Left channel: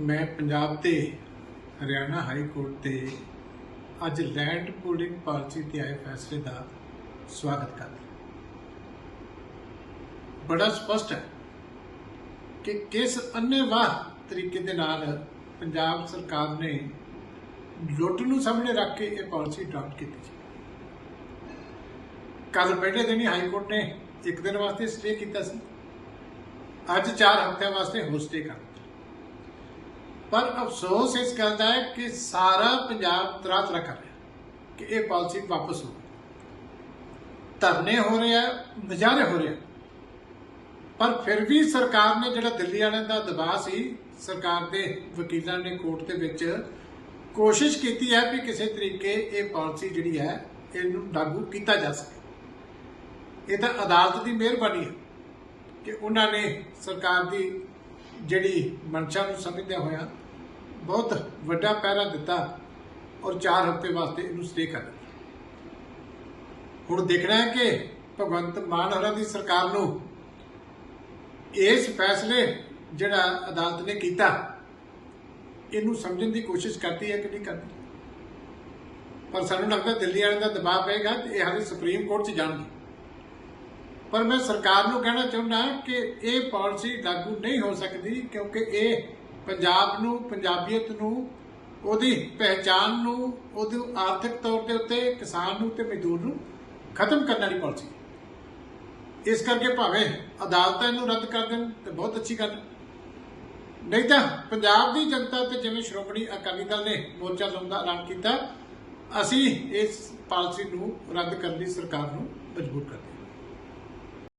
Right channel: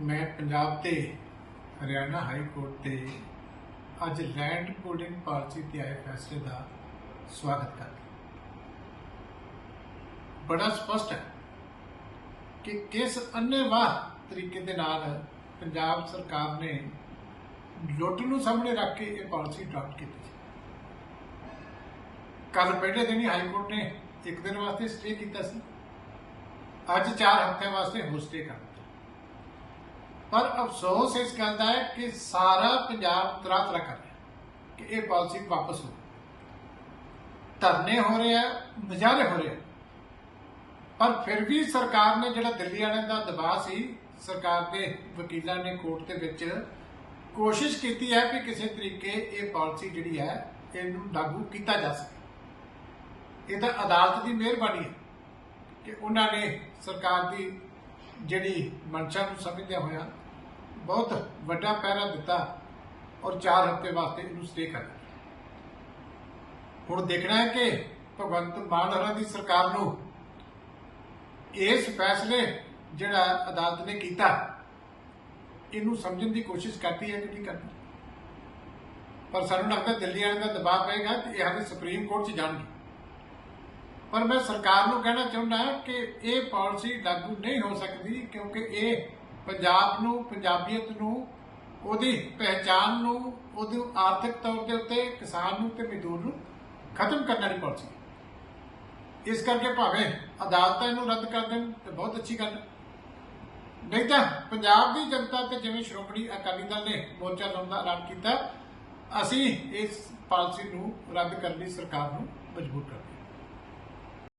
ਮੈਂ ਪੰਜਾਬ ਤੇ Haryana high court ਤੇ ਅੱਜ ਲੈਂਡ ਪੂਲਿੰਗ ਪਾਲਿਸੀ ਤੇ ਆਏ ਫੈਸਲੇ ਦਾ ਸਵਾਗਤ ਕਰਦਾ ਬੜਾ ਸਪਸ਼ਟ ਹੈ ਕਿ ਕਿਸ ਅੰਨੇਵਾਹ ਤਰੀਕੇ ਦੇ ਨਾਲ ਪੰਜਾਬ ਸਰਕਾਰ ਨੇ ਲੁੱਟ ਨੂੰ ਸਾਹਮਣੇ ਰੱਖ ਕੇ ਇਹ ਪਾਲਿਸੀ ਅਡਾਪਟ ਕੀਤੀ ਸੀ। ਕੱਲ ਪਹਿਲੇ ਦਿਨ ਹੀ ਹਾਈ ਕੋਰਟ ਨੇ ਇੱਕ ਦਿਨ ਵਾਸਤੇ ਸਟੇ ਕੀਤਾ ਸੀ। ਅੱਜ 4 ਹਫ਼ਤਿਆਂ ਵਾਸਤੇ ਹੋਰ ਸਟੇ ਕਰ ਪਰ ਅਫਸੋਸ ਇਸ ਗੱਲ ਦਾ ਹੈ ਕਿ ਸਾਰਾ ਪੰਜਾਬ ਤਰਾ ਤਰਾ ਕਰ ਰਿਹਾ ਕਿ ਇਹ ਪਾਲਿਸੀ ਵਾਪਸ ਹੋ ਧਰਨੇ ਹੋ ਰਹੇ ਆ ਮੁਜ਼ਾਹਰੇ ਹੋ ਰਹੇ ਆ। ਪਰ ਫਿਰ ਵੀ ਸਰਕਾਰ ਨੇ ਜਿਹੜਾ ਦਿੱਲੀ ਵਾਲਿਆਂ ਦਾ ਦਬਾਅ ਸੀ, ਸਰਕਾਰ ਦੇ ਵਕੀਲਾਂ ਨੇ ਕੋਰਟ ਦੇ ਵਿੱਚ ਕੋਸ਼ਿਸ਼ ਕੀਤੀ ਹੈ ਵੀ ਕਿਸੇ ਤਰੀਕੇ ਇਹ ਪਾਲਿਸੀ ਜਿਹੜੀ ਹੈ, ਇਹਨੂੰ ਲਾਗੂ ਕੀਤਾ ਜਾ ਸਕੇ। ਇਹ ਤਾਂ ਅਦਾਲਤ ਦੀ ਮਿਹਰਬਾਨੀ ਹੈ ਕਿ ਉਹਨਾਂ ਨੇ ਸਰਕਾਰ ਦੀ ਜਿਹੜੀ ਮਨਸ਼ਾ ਨੂੰ ਸਮਝਦਿਆਂ ਹੋਇਆ ਬਹੁਤ ਵੱਡਾ ਪਹਿਰਾ ਦਿੱਤਾ ਔਰ 4 ਹਫ਼ਤੇ ਵਾਸਤੇ ਇਹਨੂੰ ਸਟੇ ਕਰ ਦਿੱਤਾ। ਹੁਣ ਦੇਖਣਾ ਹੈ ਕਿ ਭਗਵੰਤ ਮਾਨ ਹੋਰਾਂ ਦੀ ਸਰਕਾਰ ਨੂੰ ਇਸ ਫੈਸਲੇ ਜਿਹੜਾ ਅਦਾਲਤ ਨੇ ਕੀਤਾ, ਇਹਨੂੰ ਸਮਝਣ ਦੀ ਕੋਸ਼ਿਸ਼ ਕਰਦੀ ਹੈ ਕਿ ਨਹੀਂ ਕਰਦੀ? ਪਰ ਸਾਨੂੰ ਲੱਗਦਾ ਦਿੱਲੀ ਵਾਲਿਆਂ ਦਾ ਦਬਾਅ ਪਏਗਾ ਤੇ ਇਹ ਹਾਲੇ ਸੁਪਰੀਮ ਕੋਰਟ 'ਚ ਜਾਣਗੇ। ਪਰ ਮੈਂ ਸਰਕਾਰ ਨੂੰ ਕਹਿਣਾ ਚਾਹੁੰਦਾ ਕਿ ਇਹ ਪਾਲਿਸੀ ਲਾਗੂ ਨਹੀਂ ਹੋ ਸਕਦੀ ਕਿਉਂਕਿ ਇਹ ਪੰਜਾਬ ਨੂੰ, ਪੰਜਾਬੀਅਤ ਨੂੰ, ਉਹਦੀ ਪਹਿਚਾਨ ਨੂੰ ਉਹਦੀ ਆਰਥਿਕ ਤੌਰ ਦੇ ਉੱਤੇ, ਕਿਸਾਨ ਨੂੰ ਤੇ ਮਜ਼ਦੂਰ ਨੂੰ ਖਤਮ ਕਰਨ ਵਾਲੀ ਪਾਲਿਸੀ ਹੈ। ਇਸ ਕਰਕੇ ਭਾਵੇਂ ਅਦਾਲਤਾਂ ਇਹਨੂੰ ਰੱਦ ਕਰ ਦੇਣ ਤੇ ਬਹੁਤ ਅੱਛੀ ਗੱਲ ਹੈ। ਨਹੀਂ ਤਾਂ ਪੰਜਾਬ ਦੀ ਜਨਤਾ ਤੇ ਜਿਵੇਂ ਸ਼੍ਰੋਮਣੀ ਅਕਾਲੀ ਦਲ ਨੇ ਮੋਰਚਾ ਲਾਉਣ ਦਾ ਐਲਾਨ ਕੀਤਾ, ਅਸੀਂ ਇਸ ਪਾਲਿਸੀ ਨੂੰ ਰੱਦ ਕਰਨ ਲਈ ਸਰਕਾਰ ਨੂੰ ਮਜਬੂਰ ਕਰਦੇ ਹਾਂ